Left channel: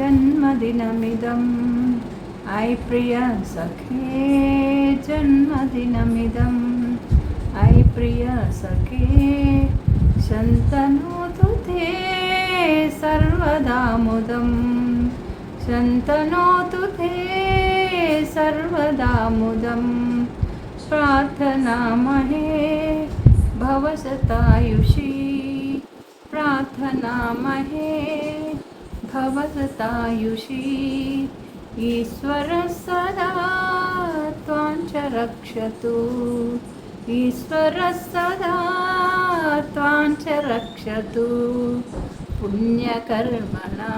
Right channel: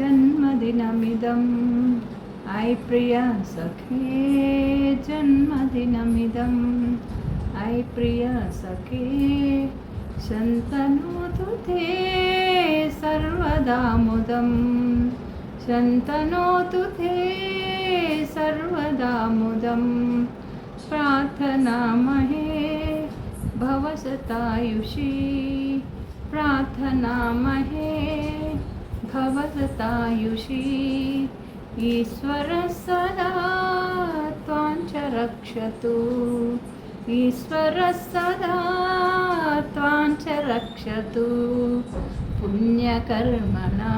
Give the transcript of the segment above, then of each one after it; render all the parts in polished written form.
जन्मदिनमिदं ऐ प्रिय सखे जन्मदिनमिदं ऐ प्रिय सखे शन्तनोतु ते सर्वदा मुदं शन्तनोतु ते सर्वदा मुदं प्रार्थनामहे भवशतायुषी प्रार्थनामहे भवशतायुषी ईश्वरः सदा त्वां च रक्षतु ईश्वरः सदा त्वां च रक्षतु पुण्यकर्मणा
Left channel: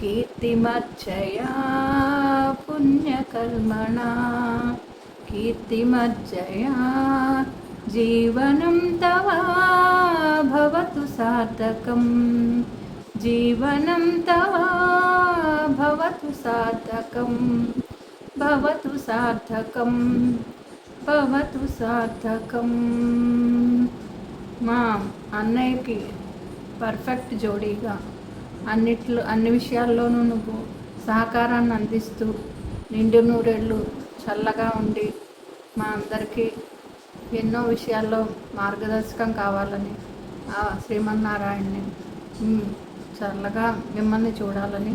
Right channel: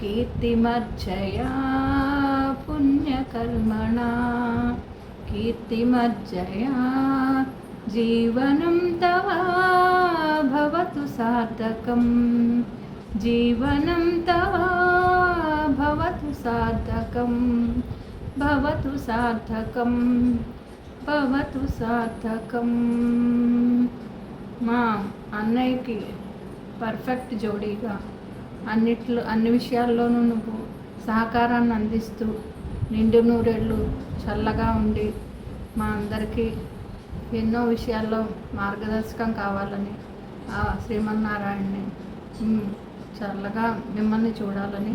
कीर्तिमर्जया पुण्यकर्मणा कीर्तिमर्जया जीवनं तव भवतु सार्थकं जीवनं तव भवतु सार्थकं भवतु सार्थकं भवतु सार्थकं మా అన్నయ్యకి పర్ఫెక్ట్ జోడీగా అన్ని విషయాల్లోనూ నువ్వు సహకారాన్ని అందిస్తూ నిండు నూరేళ్ళు చల్లగా ఉండి మా అందరికీ ఎన్నో విషయాల్లో మార్గదర్శకం కావాలని ఆ శ్రీమన్నారాయణని చల్లగా మిమ్మల్ని చూడాలని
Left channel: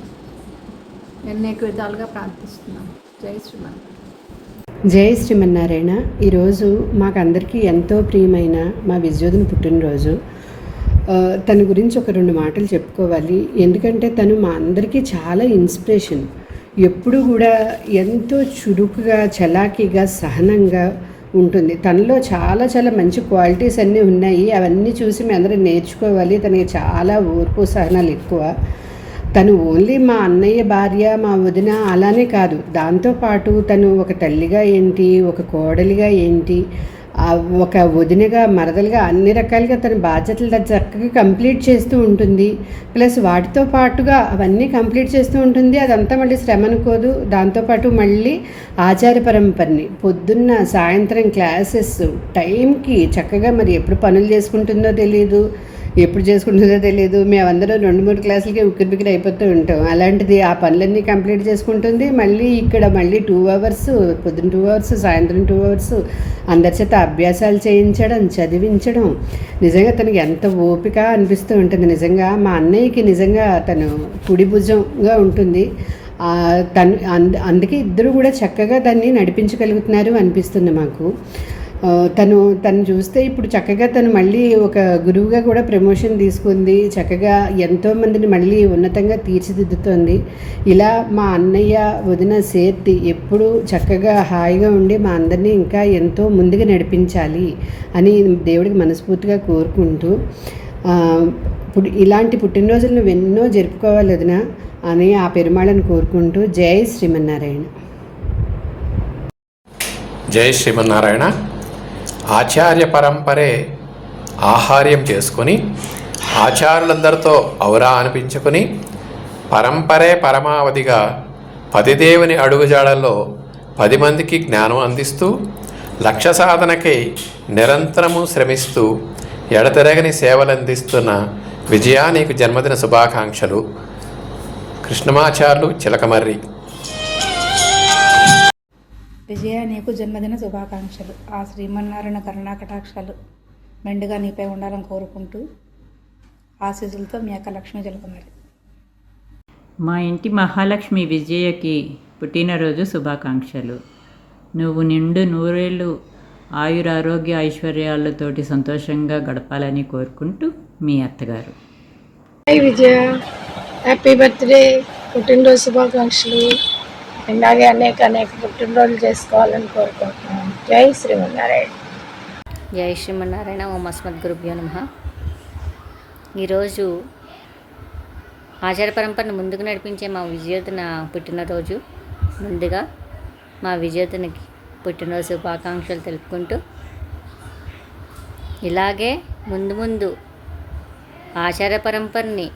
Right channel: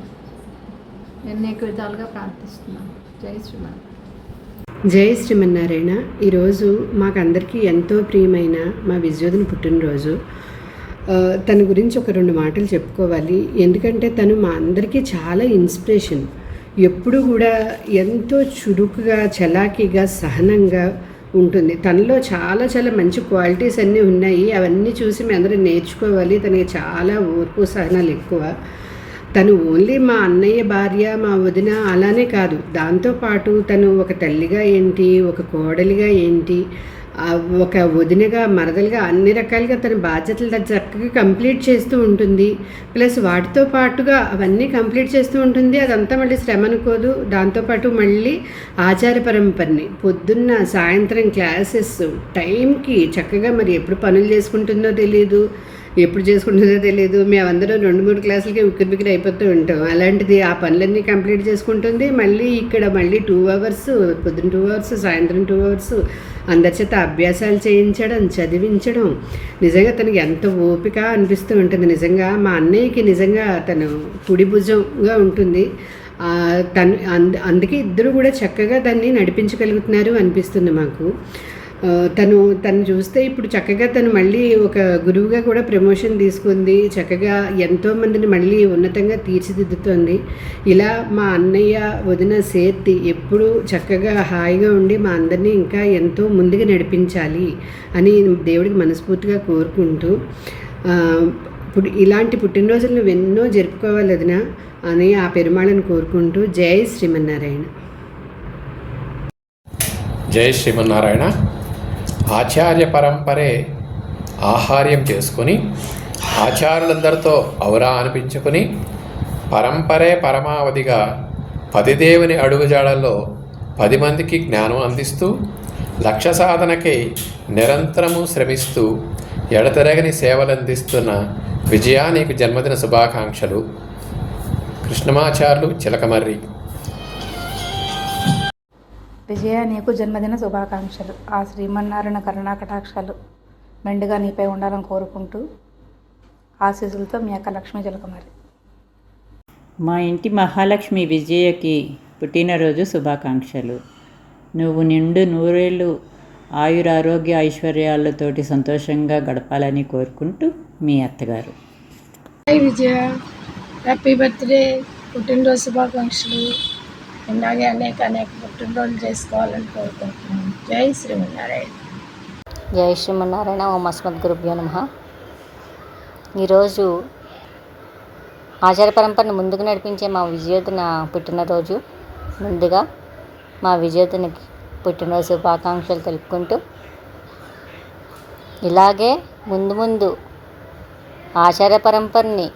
అనేక విధాలుగా ప్రార్థిస్తున్నాం. జై శ్రీమన్నారాయణ. జై శ్రీమన్నారాయణ. ఈరోజు మాకందరికీ ఎంతో ప్రియమైన మా విజయోధుని పుట్టినరోజు. తన గురించి ఒక 2 మాటలు చెప్పుకోవాలి. ఎందుకంటే తను మా అందరికీ చాలా ఇన్స్పిరేషన్. ఎప్పుడు కూడా ఎంతో చురుకుగా చలాకీగా సహనంగా ఉంటుంది. తనలో చాలా చాలా మంచి క్వాలిటీస్ అన్నీ ఉన్నాయి. అవన్నీ చూసి మేము అందరం నేర్చుకోవాలి. తనకి చాలా ఓర్పు సహనాలు ఎక్కువ. తను ఓన్లీ మా అన్నయ్య భార్య మా వదిన అలానే కాదు, దాంతోపాటు తను ఒక తల్లిగా ఏంటి, ఒక కోడలిగా ఏంటి, ఒక వదినగా మరదలుగా అన్ని రకాలుగా తన బాధ్యతలు చక్కగా కంప్లీట్ చేస్తూ ఉంటుంది. ప్లస్ వాటితో పాటుగా అవన్నీ కంప్లీట్ చేస్తూ ఉంటుంది. అదంతా మళ్ళీ శ్రమ అనుకోదు. దాంతోపాటు మళ్ళీ ఆచార పరంపరని పొద్దున్న సాయంత్రం క్లాసెస్ టైంకి చక్కగా మరి ఎప్పుడు పనులు చేసుకుంటుందో తెలియదు, ఎప్పుడు చేసుకుంటుందో తెలియదు. మేమందరం 2-3 క్లాసులకి ఉక్కిరిబిక్కిరి అయిపోతూ ఉంటాం. అలాంటిది ఆ పనులన్నీ కంప్లీట్ చేసుకుంటుంది. మళ్ళీ ఇక్కడ మళ్ళీ 2 అవర్స్, పొద్దున్న 2 అవర్స్, సాయంత్రం 2 అవర్స్ అందరి చేత అభ్యాసాలు చేయించడం, చదివించడం నిజంగా తనకి ఎంత ఓపిక అనిపిస్తూ ఉంటుంది. నిజంగా మా అన్నయ్యకి నిజంగా తను కుడి భుజంగా ఉంటుంది. తను అందుకే ఇద్దరు కూడా చక్కగా దాన్ని నడిపించగలుగుతున్నారు అనిపిస్తుంది మాకు. తను చూస్తే ఇప్పుడు చక్కగా తను మళ్ళీ ఒక గురువుగా కూడా ప్రమోషన్ తీసుకుంది. చక్కగా ఎంతోమందిని మళ్ళీ ఉన్నతంగా తీర్చిదిద్దుతోంది. ఇలా మా అన్నయ్య వదిన సేర్తి ఎప్పుడూ చక్కగా హాయిగా ఉండి మా అందరినీ ఇంకా ఎంతో ముందుగా నడిపించాలి అని దేవుడికి మనస్ఫూర్తిగా కోరుకుంటూ ఇప్పుడు ఇలాంటి పుట్టినరోజులు నువ్వు ఎన్నో జరుపుకోవాలి వదిన అని ఆ పెరుమాళని కోరుకుంటూ జై శ్రీమన్నారాయణ. జై శ్రీమన్నారాయణ. ఆచార్య పరంపరే ఆహార్యం చేసుకొని ఆచార్యులందరితో ఔరా అనిపించుకొని పరంపరే పరమావధిగా 10 దేవుని అడుగుజాడల్లో 10 మందికి జ్ఞానం అందిస్తూ లక్ష్య సాధనకై నిరంతరము శ్రమిస్తూ ఎడతెరగని సేవలందిస్తున్న విజయా నీకు జన్మదిన శుభాకాంక్షలు. కృష్ణమాచార్యులు చిలకమర్రి. విజయ, నీకు జన్మదిన శుభాకాంక్షలు. ఆ శ్రీమన్నారాయణ కరుణాకటాక్షాలు మెండుగా నీపై ఉండాలని కోరుకుంటూ ఆశీస్సులతో మీ అక్క లక్ష్మీ చిలకమర్రి. మా ఇంటి మహాలక్ష్మి విజయకి పుట్టినరోజు శుభాకాంక్షలు. నువ్వు నిండు నూరేళ్ళు ఆయురారోగ్య ఐశ్వర్యాలతోటి సంతోషంగా గడపాలని కోరుకుంటూ మీ అత్తగారు. హాయ్ విజయ, హ్యాపీ బర్త్డే, పుట్టినరోజు శుభాకాంక్షలు. ఇలాగే అనేక పుట్టినరోజులు చేసుకోవాలని కోరుకుంటున్నాం. జై శ్రీమన్నారాయణ. జై శ్రీమన్నారాయణ. ఓం అస్మద్గురుభ్యో నమః. ఈరోజు ఆచార పరంపరను ముందుకు నడిపించే మా విజయోధన పుట్టినరోజు. ముందుగా మా విజయోధనకి పుట్టినరోజు శుభాకాంక్షలు తెలుపుకుంటూ ఇలాగే ముందు ఆచార పరంపరని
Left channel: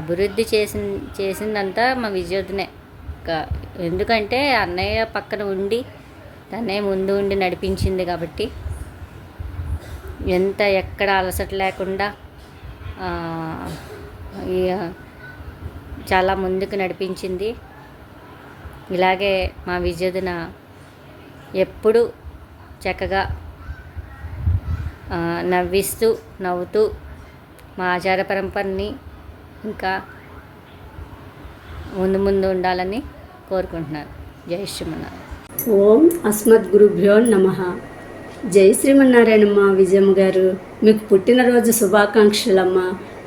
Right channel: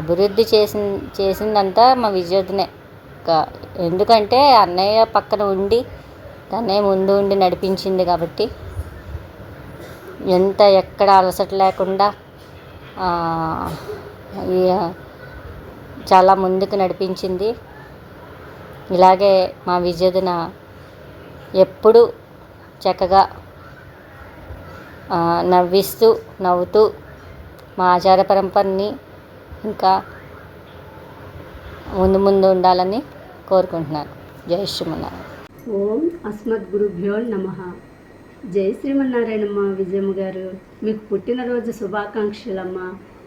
అభివృద్ధి చేసిందంతా మా విజయోధనే. ఎందుకంటే అన్నయ్య పక్కన ఉండి అన్నయ్య ముందు ఉండి నడిపించింది కాబట్టి ఎక్కడ అలసట లేకుండా చాలా ముందుకు నడిపించింది. ఇలాగే మా విజయదిన ఎప్పుడు చక్కగా నవ్వుతూ మా ఆచార పరంపరని ఇంకా ముందు ఉండాలని కోరుకుంటున్నాను. జై శ్రీమన్నారాయణ. ఓం అస్మద్గురుభ్యో నమః. జై శ్రీమన్నారాయణమ్మ. విజయమ్మ గారు, మీకు పుట్టినరోజు శుభాకాంక్షలమ్మ.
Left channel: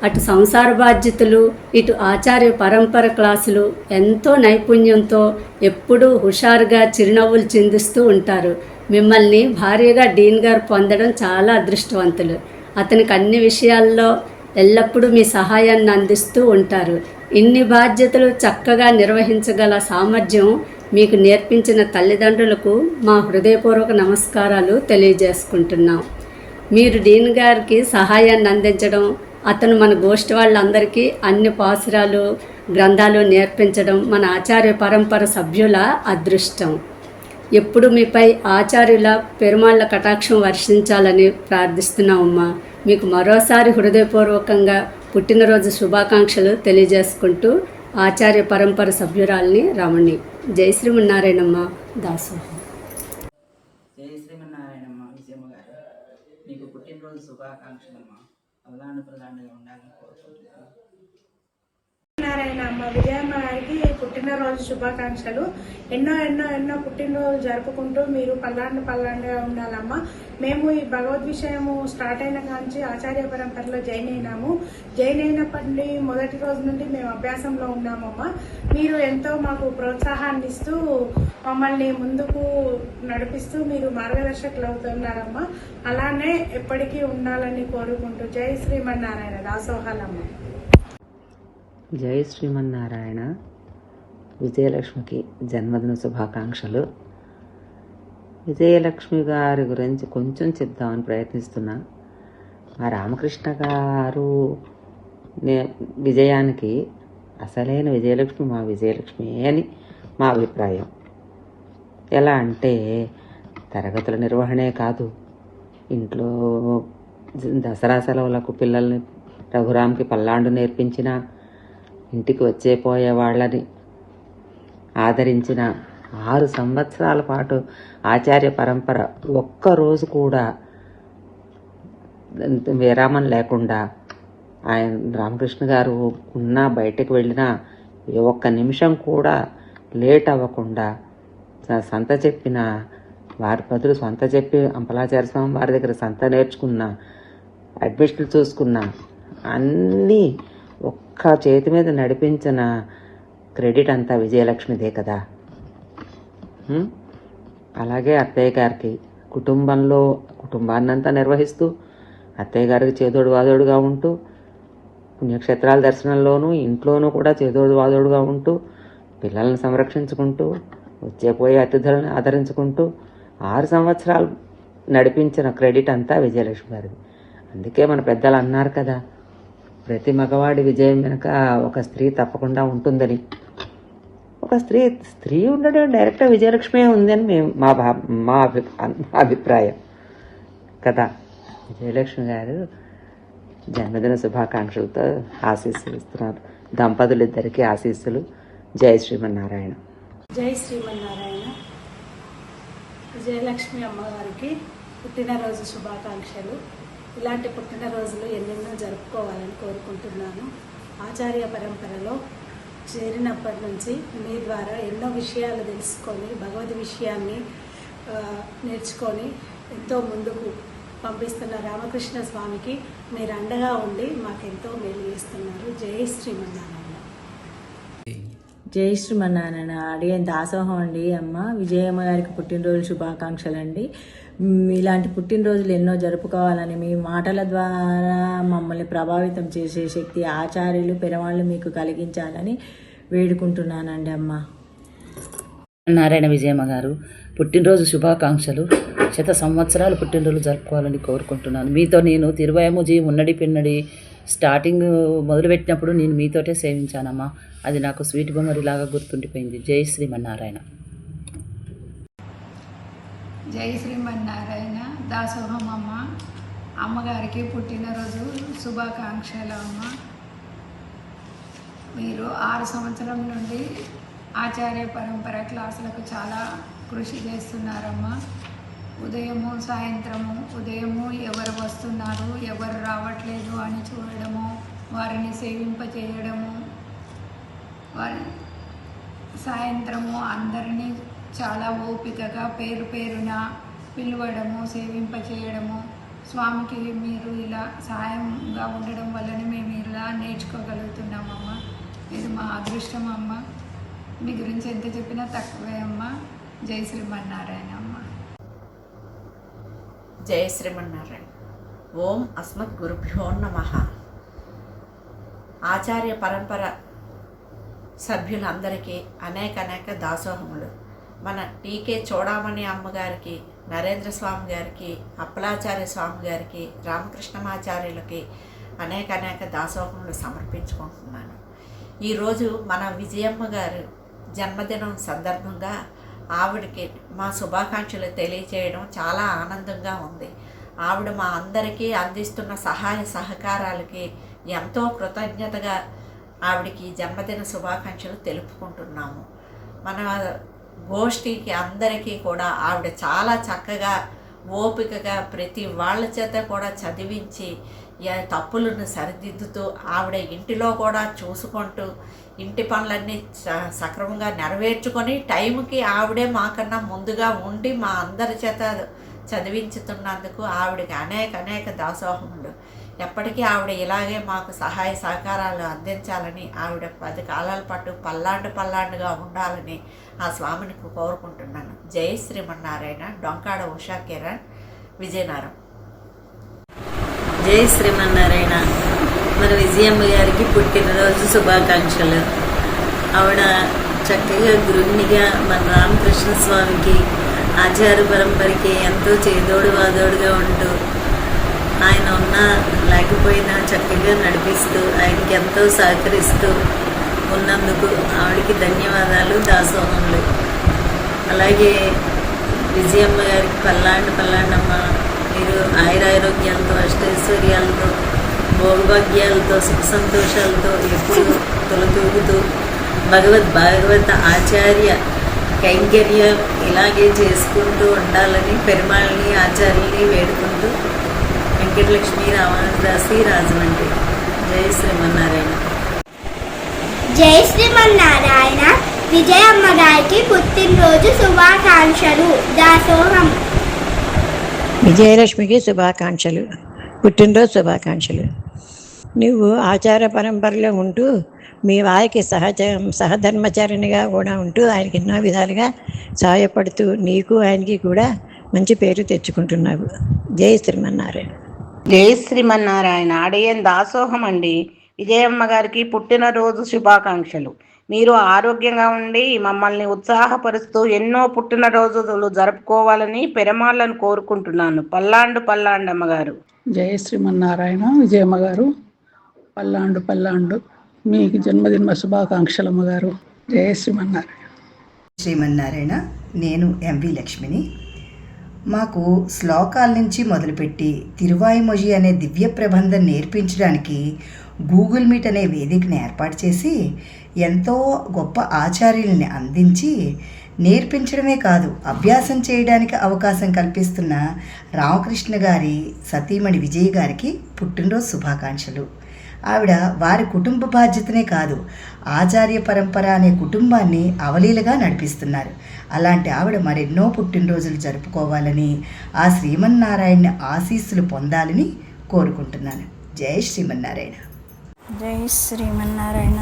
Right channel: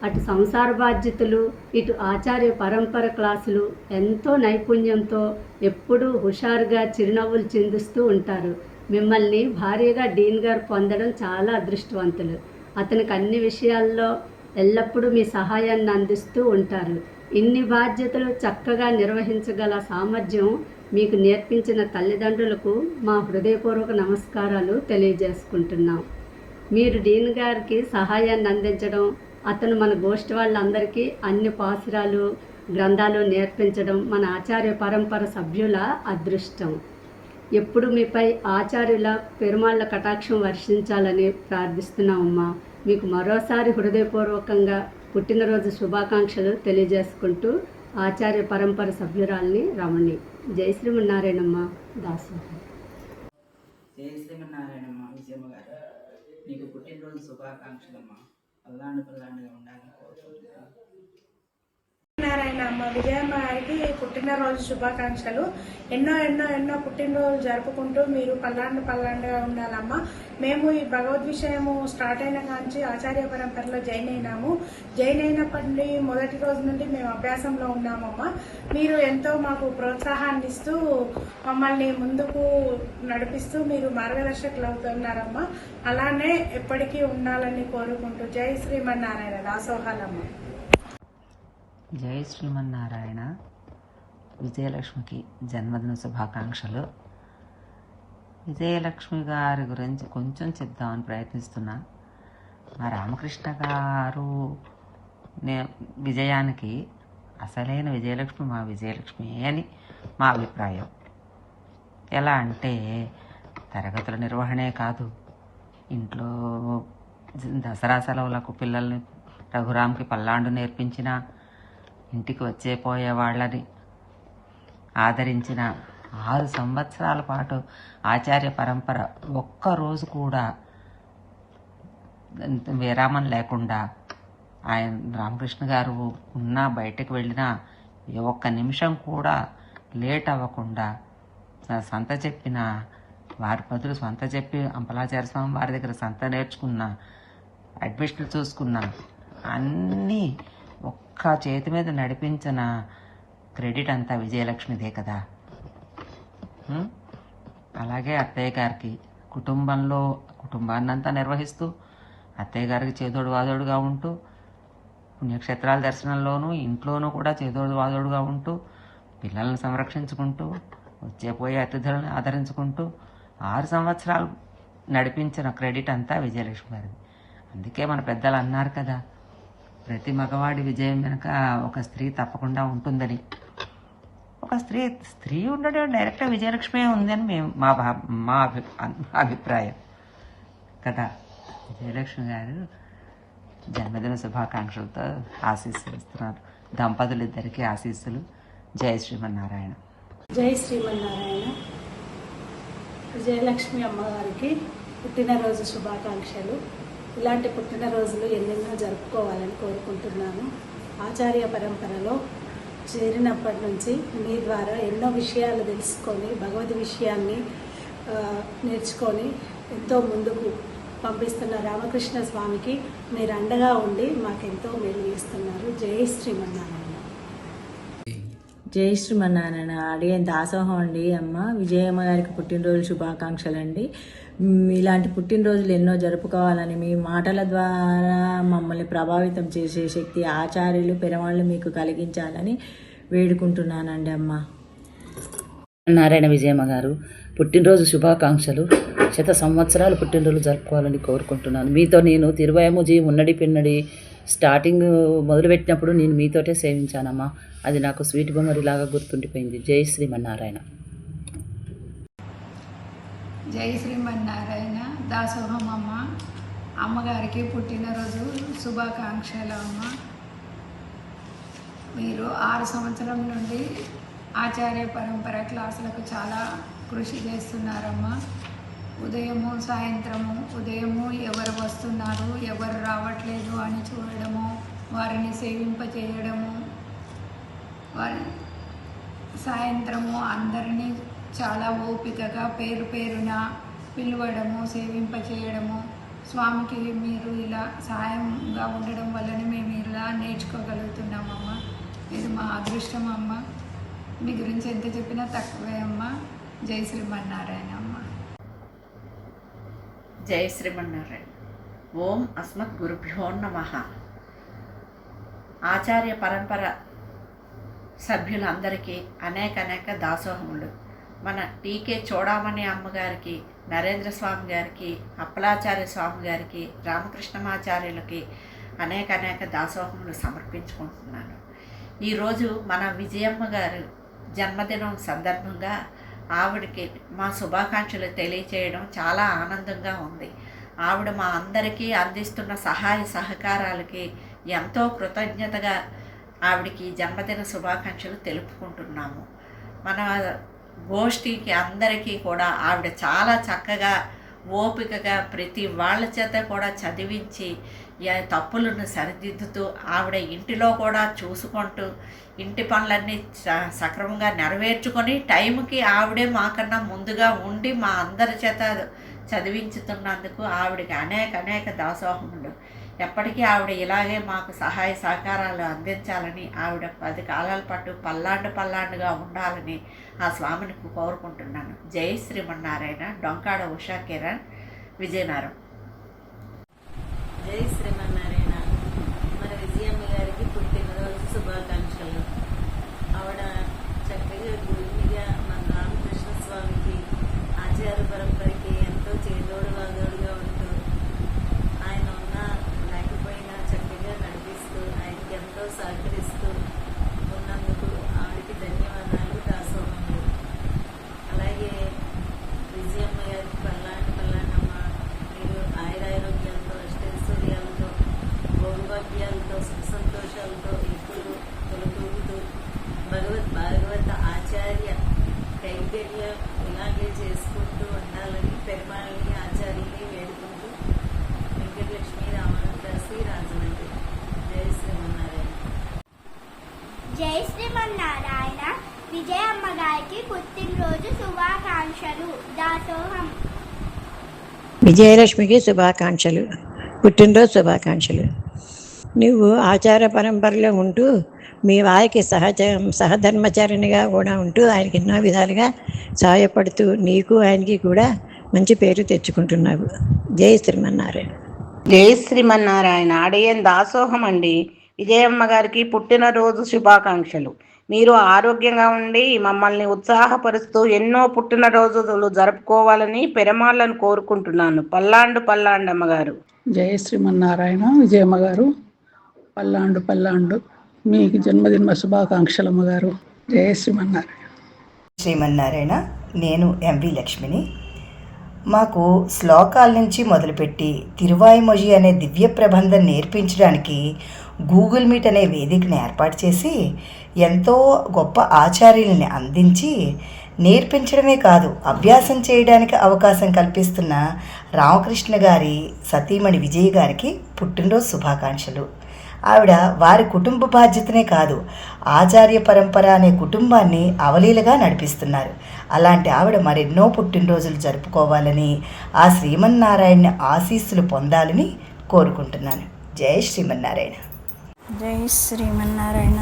అటు సంసార బాధ్యతలు, ఇటు ఆచార్య పరంపర క్లాసులు ఎంతో నైపుణ్యంతో ఎప్పుడూ హుషారుగా చిరునవ్వులు చిందిస్తూ ఉంటారు. మిమ్మల్ని భార్యగా డీన్ గారు పొందడం చాలా అదృష్టవంతులు. అతనికి అన్ని విషయాల్లో ఎల్లప్పుడూ మీ సహాయాన్ని అందిస్తూ ఉంటారు. ఇన్ని బాధ్యతలు చక్కగా నిర్వహించగల సామర్థ్యం మీకు నేర్పించిన తల్లిదండ్రులకు మా హృదయపూర్వక నమస్కారాలు తెలియజేసుకుంటున్నాం. మీరు డీన్ గారికి సహాయాన్ని అందించడం, అతను మన గోష్ఠి వాళ్ళందరికీ అన్ని పాసురాలు గ్రంథాలు నేర్పించడం మన ఆచార్య పరంపర సభ్యుల అదృష్టం. ఎప్పుడు మీపై ఆచార్యుల పెరుమాళ్ళ కటాక్షం వర్షించాలని ప్రార్థిస్తున్నామమ్మా. మీకు మరోసారి హృదయపూర్వకంగా పుట్టినరోజు శుభాకాంక్షలు తెలియజేసుకుంటూ ఆచార్య పరంపర సభ్యురాల్ని రమణి. జై శ్రీమన్నారాయణమ్మ. దాసోహం. జై శ్రీమన్నారాయణమ్మ. విజయమ్మ గారు, నీకు పుట్టినరోజు శుభాకాంక్షలమ్మా. పల్లాండుగా ఉండాలని కోరుకుంటున్నాను. నారాయణ అమ్మ. విజయమ్మ గారికి పుట్టినరోజు శుభాకాంక్షలు. ఎన్నో పుట్టినరోజు జరుపుకుంటూ మీరు పల్లాండుగా ఉండాలమ్మా. మేము ఈ భగవద్ విషయము స్టార్ట్ అయిన నుంచి ఆచార్య పరంపరలో జాయిన్ అయినప్పటి మొదటి రోజు నుండి మేము అభ్యాసంలో ఉన్నామమ్మా. మీరు ఎంతో మాకు ప్రోత్సాహాన్ని ఇస్తూ మమ్మల్ని ముందుకు నడిపిస్తూ మీరు మార్గదర్శకులు అవుతున్నారమ్మా. అలానే ఎప్పటికీ ఉండాలని కోరుకుంటూ జై శ్రీమన్నారాయణ. దాసోహాలమ్మ. జై శ్రీమన్నారాయణ. విజయలక్ష్మికి జన్మదిన శుభాకాంక్షలు. విజయలక్ష్మి గారి గురించి కొంచెం చెప్దామని ప్రయత్నిస్తున్నా. మా రామకృష్ణ గారు విజయానికి అసలైన విజయలక్ష్మి మా విజయలక్ష్మి అని మా అభిప్రాయం. ఎలా అంటే తరగతుల నిర్వహణే కాదు, ఇంట్లో దసరా సెలవులకు పిల్లల్ని రఘురామ్కి పల్లాండు నేర్పించిన, ఇంటికి వచ్చేపోయే వాళ్ళని ఆదరించిన, 6 సంవత్సరాల పాటు ఆచార్య పరంపర ఒక్కరోజు కూడా విరామం లేకుండా ఆయన రామకృష్ణ గారు ఉన్నా బయటకు వెళ్ళినా ఒక్క నిమిషం కూడా లేట్ అవ్వకుండా సంత చెప్పిన వారి బదులు సొంత చెప్పి అంపలాచార్య స్వామి వారి దగ్గర సంత నేర్చుకున్న, అడ్మిషన్లు చూసుకున్న, అన్నీ ఒక్క చేతి మీద నడిపించిన క్రెడిట్ అంతా విజయలక్ష్మిదే కదా. అలాగే అత్తయ్య గారికి కుటుంబాన్నంతా నిర్వహిస్తూ, అత్తయ్య గారికి చేదోడు వాదోడుగా ఉంటూ, పుణ్యక్షేత్రాల దర్శనంలోనూ ఇంట్లోనూ కూడా చేదోడు వాదోడుగా ఉంటూ, పిల్లల్ని సంరక్షించుకుంటూ, వచ్చేపోయే అతిథులను ఆదరించుకుంటూ 6 సంవత్సరాలు నడిపించిన క్రెడిట్ అంతా విజయలక్ష్మి గారిది. అందుకే మన పెద్దలు అన్నారు కదా, ప్రతి మగవాడి విజయం వెనుక ఒక స్త్రీ తప్పకుండా ఉంటుందని. ఒక స్త్రీ ఉండడం డైరెక్ట్గా విజయలక్ష్మి ఉందని మేము మా అభిప్రాయం కదా. విజయలక్ష్మి గారు జన్మదిన శుభాకాంక్షలతో ఆశీస్సులు ఇస్తున్నారు. దంపతులిద్దరికీ ఆశీస్సులు. జై శ్రీమన్నారాయణ. జై శ్రీమన్నారాయణ. విజయలక్ష్మి అమ్మగారికి పుట్టినరోజు శుభాకాంక్షలు. ఇలాంటి పుట్టినరోజులు ఎన్నెన్నో జరుపుకోవాలని కోరుకుంటున్నాను. ఆచార్య పరంపరలో చేరినప్పటి నుంచి మీ ద్వారా ఎన్నో విషయాలు తెలుసుకొని, భగవద్ విషయాన్ని నేర్చుకొని ఎంతో ముందుకు పంపిస్తున్న రామకృష్ణ స్వామికి మీరు అండగా ఉండి మాకెంతో మేలు చేస్తున్నారు. జై శ్రీమన్నారాయణ. జై శ్రీమన్నారాయణ. అడిగే దాసోహం అండి. అమ్మ విజయమ్మ గారికి పుట్టినరోజు శుభాకాంక్షలు అండి. ఇలాంటి పుట్టినరోజులు ఎన్నో జరుపుకోవాలని, మీ మాటల ద్వారా మమ్మల్ని ప్రభావితం చేసే శక్తి ఆచార్యులు పెరవాళ్ళు మీకు కలిగించాలని వేడుకుంటున్నానండి. అమ్మ నారాయణ విజయమ్మ గారు పుట్టినరోజు శుభాకాంక్షలు. 100 సంవత్సరాలు పుట్టినరోజు జరుపుకోవాలని కోరుకుంటున్నాను. మీతో నేను తిరువయముజీ ఉన్నడి పిన్నడి స్టార్టింగ్ మొదలుపెట్టినప్పుడు నేను మీతోటే సేవించానమ్మా. అది నాకు స్వీట్ బొమ్మరిలాగా గుర్తుండిపోయింది. జై శ్రీమన్నారాయణ. జై శ్రీమన్నారాయణ. దాసోహం అమ్మ. అమ్మగారికి పుట్టినరోజు శుభాకాంక్షలు అమ్మ. మీరు 6 సంవత్సరం నుండి ఆచార్య పరంపర క్లాసులకు చాలా కృషి చేస్తున్నారమ్మా. ఉదయము సాయంత్రము, ఉదయము ఎవరు వస్తున్నారు ఎవరు రావట్లేదు అని చూడడము, వారిని సేవింపచేయడము, వారి సాయంత్రము అందరినీ చాలా ఓపికగా పేరు పేరున పిలవడము, సేవింపచేయడము. స్వామికి మీరు ఇలా సహాయంగా ఉండడం వల్లనే మేము ఇలా నేర్చుకోగలుగుతున్నామమ్మా. ఇది మా అదృష్టం అమ్మ. మీ గురించి ఎంత చెప్పినా తక్కువే అమ్మ. జై శ్రీమన్నారాయణ అమ్మ. జై శ్రీమన్నారాయణ. ఓం అస్మద్ గురుభ్యో నమః. ఆచార్య పరంపర సభ్యులందరికీ అనేక దాసోహములు. మన టీకే చూడామణి అమ్మగారికి, నరేంద్ర స్వామి గారికి, అప్పలాచార్య స్వామి గారికి, రామకృష్ణమాచార్యులకి అనేక దాసోహములు సమర్పించుకుంటున్నాను. ఈరోజు మన విజయమ్మ గారు జన్మదినం సందర్భంగా ఆవిడకి మా శుభాకాంక్షలు తెలియచేయడం చాలా ఆనందంగా ఉంది. ఆవిడ మా అందరికీ అందిస్తున్న సహాయ సహకారాలకి ఎంతో కృతజ్ఞతగా ఆవిడకి జన్మదిన శుభాకాంక్షలు తెలుపుకుంటున్నాము. మన గోష్ఠికి అందరికీ కూడా ఆవిడ చాలా చక్కగా ఓపికగా ప్రతి వాళ్ళ చేత కూడా చదివించి తప్పులను సరిదిద్దుతూ ఆవిడ ఇంటిలో కూడా చూసుకుంటూ ఇంటి పనులన్నీ సక్రమంగా నెరవేర్చుకొని టైంకి ఆవిడే మాకన్నా ముందుగా ఉండి మా అందరి చేత చదివించుతున్నందుకు ఆవిడకి అనేక దాసోహములు. ఎప్పటికీ ఆవిడ ఇలాగే మాకు సహాయ సహకారాలు అందించాలని, ఆవిడ 10 కాలాల పాటు పల్లాండుగా ఉండాలని ఆ స్వామిని కోరుకుంటున్నాను. జై శ్రీమన్నారాయణ. డొంకాడ ఉషా కిరణ్, విజయనగరం. జై శ్రీమన్నారాయణ. మన విజయమ్మ గారికి పుట్టినరోజు శుభాకాంక్షలు. ఆవిడ చక్కగా గృహిణిగా మన రామకృష్ణ స్వామికి ఆచార పరంపరకి ఎంతో చేదోడు వాదోడుగా ఉంటూ ఆయన ఉన్నా లేకపోయినా చక్కగా నడిపిస్తూ ఆయనకి ఎంతో సహకరిస్తూ ఉన్నందుకు ఆవిడకి ధన్యవాదాలు, దాసోహములు. అలాగే విజయమ్మ గారికి పల్లాండమ్మ మీరు ఆయురారోగ్యాలతో, అష్టైశ్వర్యాలతో, భోగభాగ్యాలతో, సుఖ సంతోషాలతో ఎప్పుడు తొలతూగుతూ భాగవత ఆచార్య కైంకర్యం ఇలాగే చేసుకుంటూ ఉండాలని పెరుమాళ్ళని ఆచార్యుల్ని వేడుకుంటూ వెంకటలక్ష్మి రామానుదాసి, రాజమండ్రి. జై శ్రీమన్నారాయణ. జై శ్రీమన్నారాయణ. విజయమ్మ గారికి పుట్టినరోజు శుభాకాంక్షలు. దాసోహం. విజయలక్ష్మికి శుభాకాంక్షలు, పుట్టినరోజు శుభాకాంక్షలు. నువ్వు ఆచార పరంపరలో ఉంటూ మీ వారికి సహధర్మచారిణిగా కూడా ఉంటూ ఆయనకి ఎన్నో విధాలుగా సహాయపడుతూ నీకు ఆయనకి కూడా మంచి పేరు తెచ్చుకుంటున్నావు. జై శ్రీమన్నారాయణ. జై శ్రీమన్నారాయణ. అడియన్ దాసోహం అండి. విజయమ్మ గారికి పుట్టినరోజు శుభాకాంక్షలు. మీరు ఆరోగ్యంగా ఉండి మమ్మల్ని ఉత్సాహపరుస్తూ ఎన్నో పుట్టినరోజులు జరుపుకోవాలని పెరమాళ్ళను కోరుకుంటున్నాను. పల్లాండు గారు. జయ శ్రీమన్నారాయణ. విజయమ్మ గారు పల్లాండు మీకు జన్మదిన శుభాకాంక్షలమ్మ గారు. జయ శ్రీమన్నారాయణ. నేను ఎంవి లక్ష్మిని. మాకు శ్లోకాల నుంచి మొదలుపెట్టి తిరువాయిమొഴി అనే దివ్య ప్రబంధం నేర్పించడానికి గూగుల్ మీట్ అనే వేదికను ఏర్పాటు చేసి ఎంతో గొప్ప ఆచార్యులని అందించి నేర్పించడమే కాదు అభ్యాసం చేయడానికి అవకాశం కల్పిస్తున్న రామకృష్ణ గారి సతీమణి విజయ్ గారికి పుట్టినరోజు శుభాకాంక్షలు. ఆవిడ వారి కుటుంబ బాధ్యతనే కాదు ఆచార్య పరంపర అనే కుటుంబాన్ని అవలీలగా నడిపిస్తున్నారు. అలాంటి ఆవిడ మరెన్నో పుట్టినరోజులు జరుపుకోవాలని, ఆ శ్రీమన్నారాయణ ఆశీస్సులు పొందాలని కోరుకుంటున్నాను. జై శ్రీమన్నారాయణ. జై శ్రీమన్నారాయణ.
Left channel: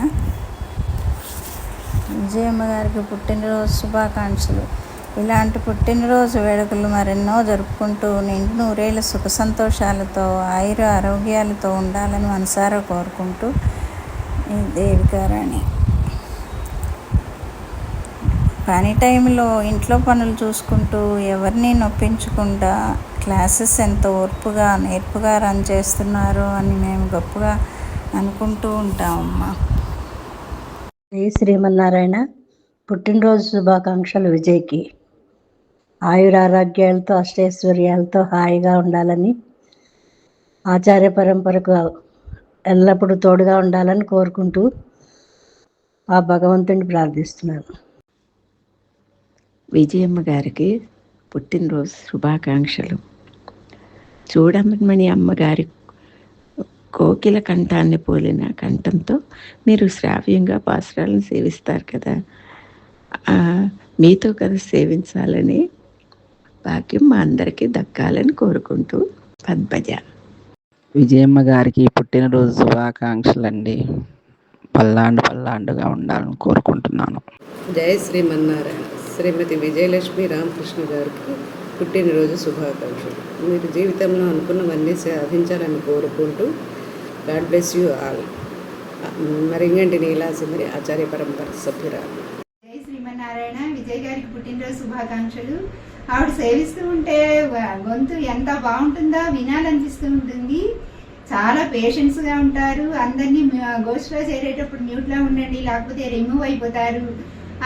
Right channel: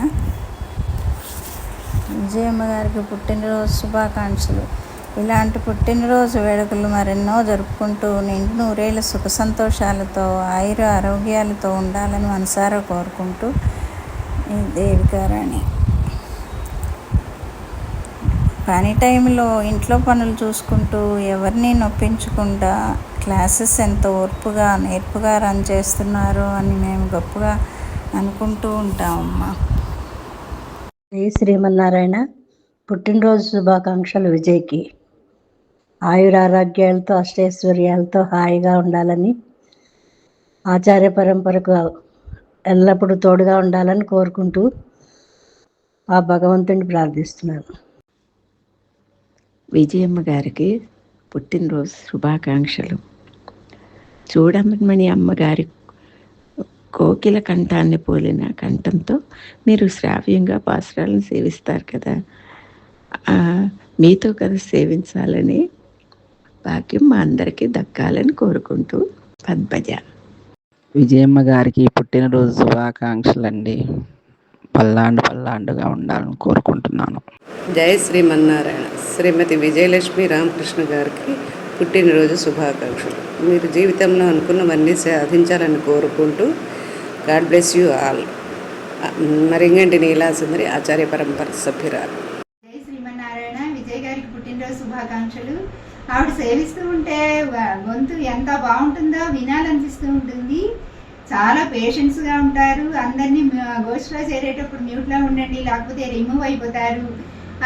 విజయమ్మ గారికి పుట్టినరోజు శుభాకాంక్షలు. ఇలాంటి పుట్టినరోజు వేడుకలు మరెన్నో జరుపుకుంటూ నిండు నూరేళ్ళ సుఖ సంతోషాలతో ఆరోగ్యాలతో ఉండాలని మనసారా కోరుకుంటూ ఈ దేవికారాణి. పని టైంలో ఇంట్లో పనులు చూసుకుంటూ ఎవరిని నొప్పించకుండా క్లాసెస్ ఎంతో ఓర్పుగా నేర్పుగా రన్ చేస్తున్నారు అని మేము గొప్పగా అనుకుంటూ ఉంటామమ్మా. జై శ్రీమన్నారాయణ. పుట్టినరోజు శుభాకాంక్షలు విజయ్కి. ఆయురారోగ్యాలతో అష్టైశ్వర్యాలతో హాయిగా ఉండాలని, ఆచార్య పరంపరకు ఎల్లప్పుడూ తోడుగా ఉండాలని కోరుకుంటూ ఆ భగవంతుని ప్రార్థిస్తున్నాను. విజయమ్మ గారికి పుట్టినరోజు శుభాకాంక్షలు. చూడమని అమ్మగారి కోకిల కంఠాన్ని పోలిన కంఠంతో మీరు శ్రావ్యంగా పాసురాలను సేవిస్తారు కదా, మీతో కదా సేవించాలని భాగ్యం మా అందరికీ దక్కాలని కోరుకుంటూ పద్మజ. విజయమ్మ గారికి పుట్టినరోజు శుభాకాంక్షలు అండి. పల్లాండుగా ఉండాలని కోరుకుంటున్నాను. జై శ్రీమన్నారాయణ. శ్రీమతి విజయలక్ష్మి రామకృష్ణ గారికి పుట్టినరోజు శుభాకాంక్షలు. మీరు జీవితంలో అనుకున్నవన్నీ సాధించాలని కోరుకుంటూ God bless you all. Maringanti నీలాసుందరి ఆచార్య పరంపర సభ్యురాలు. జై శ్రీమన్నారాయణ. విజయ్ గారికి పుట్టినరోజు శుభాకాంక్షలు. ఆవిడ సేవిస్తూ ఉంటే గొంతు ఎంత బాగుంటుందో వినాలనిపిస్తూ ఉంటుంది. చాలా పేషెన్స్గా ఉంటారు. అందరినీ గోష్ఠిలో చేరేటప్పుడు మ్యూట్లో ఉండండి లేకపోతే రిమూవ్ అయిపోతారు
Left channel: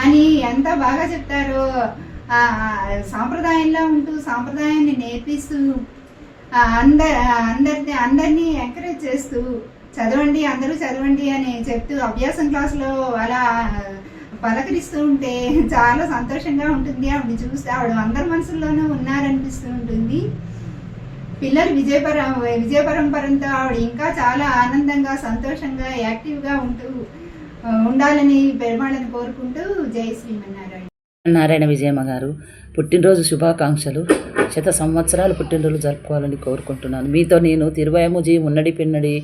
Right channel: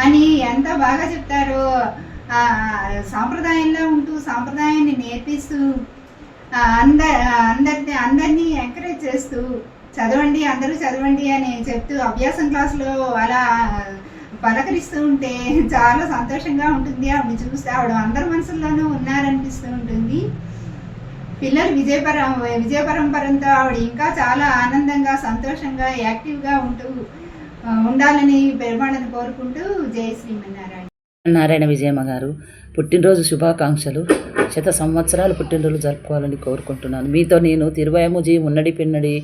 అని ఎంత బాగా చెప్తారో. సాంప్రదాయంలో ఉంటూ సాంప్రదాయాన్ని నేర్పిస్తూ అందరినీ ఎంకరేజ్ చేస్తూ చదవండి అందరూ చదవండి అని చెప్తూ అభ్యాసం క్లాసులో అలా పలకరిస్తూ ఉంటే చాలా సంతోషంగా ఉంటుంది. ఆవిడ చూస్తే ఆవిడ అందరి మనసుల్లోనూ ఉన్నారనిపిస్తూ ఉంటుంది. పిల్లలు విజయ పరంపరంతో ఆవిడ ఇంకా చాలా ఆనందంగా సంతోషంగా యాక్టివ్గా ఉండాలని పెరుమాళని కోరుకుంటూ జై శ్రీమన్నారాయణ. నారాయణ విజయమ్మ గారు పుట్టినరోజు శుభాకాంక్షలు. 100 సంవత్సరాలు పుట్టినరోజు జరుపుకోవాలని కోరుకుంటున్నాను. మీతో నేను తిరువయముజీ ఉన్నడి పిన్నడి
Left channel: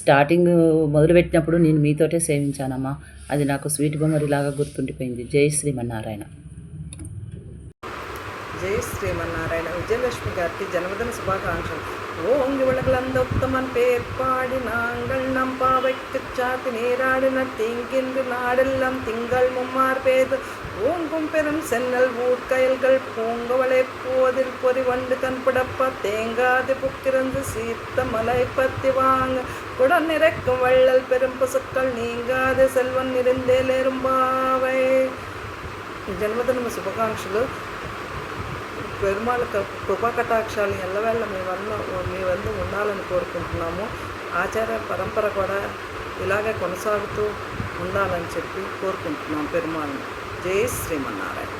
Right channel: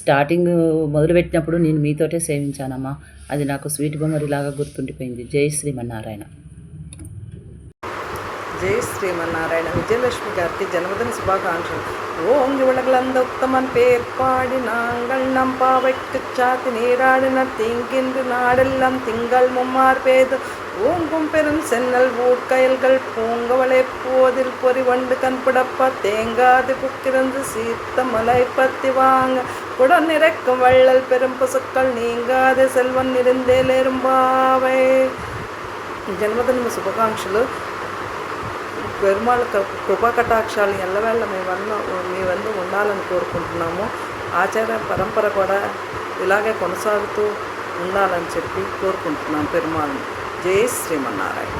స్టార్టింగ్ మొదలుపెట్టినప్పుడు నేను మీతోటే సేవించానమ్మా. అది నాకు స్వీట్ మెమరీలాగా గుర్తుండిపోయింది. జై శ్రీమన్నారాయణ. జై శ్రీమన్నారాయణ. విజయలక్ష్మి గారికి జన్మదిన శుభాకాంక్షలు. ஓங்கி உலகளந்த உத்தமன் பேர்பாடி நாங்கள் நம்பாவைக்கு சாத்தி நீராடினர் தீங்கின்று நாடெல்லாம் திங்கள் மும்மார் பேது ஓங்கும் பெரும் சென்னல் ஊட்கயல்கள் பூங்கவளை போதில் பொறி வண்டு கண்புடப்பா தேங்காது புக்கிருந்து சீத்த மலை பத்தி வாங்க குடம் நிறைக்கும் வள்ளல் பெரும் பசுக்கள் நீங்காது செல்வன் இருந்தேலேரும்பாவை. జన్మదిన శుభాకాంక్షలు. పెరుమాళ కృపా కటాక్షాలు ఎల్లవేళ్ళ మీ వల్ల ఉండాలని కోరుకుంటున్నాము. ఆచార పరంపర కూడా ఇలాగే కొనసాగుతూ ఉండాలని చెప్పి కోరుకుంటున్నాం పెరుమాళని. జై శ్రీమన్నారాయణ.